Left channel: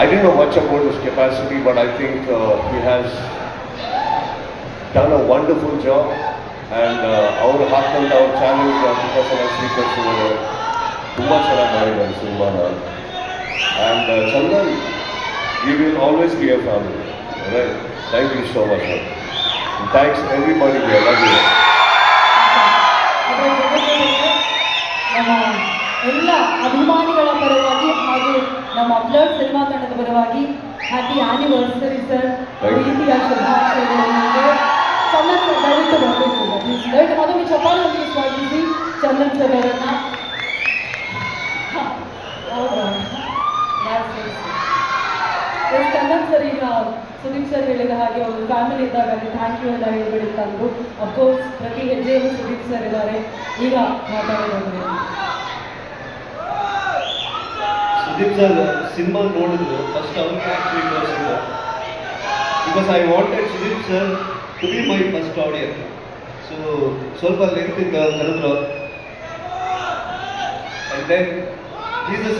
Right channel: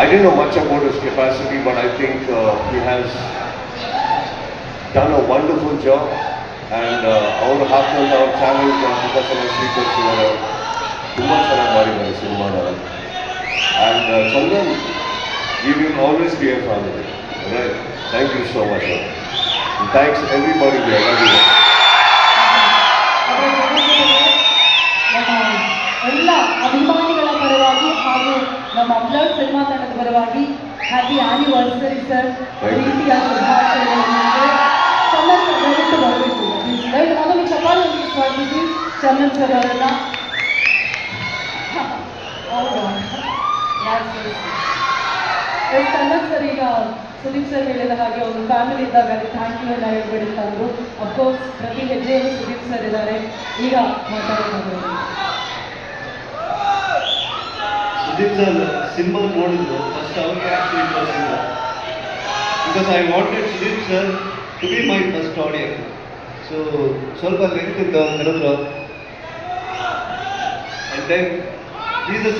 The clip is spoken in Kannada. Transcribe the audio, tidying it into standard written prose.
I didn't know much about his capacity, but I think he has done a wonderful job. And our ಹಾಕೊಂಡು ಅವ್ರ ಚಾಲೆಂಜ್ ಪ್ರಕಾಶನ ಸ್ವೀಕರಿಸಿದ್ದಾರೆ. ತುಂಬ ಚೆನ್ನಾಗಿ ಮಾಡಿದ್ದಾರೆ ಸಿನಿಮಾನ. And Chandan, we will always be a family. Right? Thank you so much. And thanks everybody here. Love you. ನಮ್ಮ ಎಲ್ಲ ಅಭಿಮಾನಿಗಳ ಪರವಾಗಿ ಹಾಗೂ ನಮ್ಮ ಅಪ್ಲೋಡ್ ಸಿನಿಮಾ ತಂಡದ ಪರವಾಗಿ ಹ್ಯಾಪಿ ಆನಿವರ್ಸರಿ ಸರ್. ಪ್ರೀತಿಯ ಶುಭಾಶಯಗಳೊಂದಿಗೆ ಚಂದನ್ ಸರ್ ದಯವಿಟ್ಟು ಬರಬೇಕು ಪ್ಲೀಸ್. ದಯವಿಟ್ಟು ಮೊದಲು ಚಪ್ಪಾಳೆಯೊಂದಿಗೆ ಸ್ವಾಗತಿಸಿ ಚಂದನ್ ಸರ್ ಅವರನ್ನ. ಚಂದನ್ ಸರ್ ಈಗ ಸುದೀಪ್ ಸರ್ ಹೇಳಿದ ಹಾಗೆ ಒಂದು ಫ್ಯಾಮಿಲಿ ಇದ್ದಾಗ ಅಲ್ಲಿ ಥ್ಯಾಂಕ್ ಯು ಎಲ್ಲ ಹೇಳ್ಬಿಡುತ್ತ ಅಂದರು. ಅಫ್ಕೋರ್ಸ್ ಪ್ರತಿ ಹೆಜ್ಜೆಯಲ್ಲೂ ಸುದೀಪ್ ಸರ್ ಇದ್ದಾರೆ. ಈಗ ಮಾತಾಡೋದು ಸುದೀಪ್ ಸರ್ ಸಿನಿಮಾ ನೋಡಿದ್ರು ಫಸ್ಟ್ ಅವ್ರಿಗೆ ಆ್ಯಕ್ಚುಲಿ ತೋರಿಸಿಲ್ಲ. Because I wanted Sudeep sir to be my first audience. So ಸ್ವಲ್ಪ ಲೆಂತ್ ಇದ್ದ ಕರೆದ್ರು. And then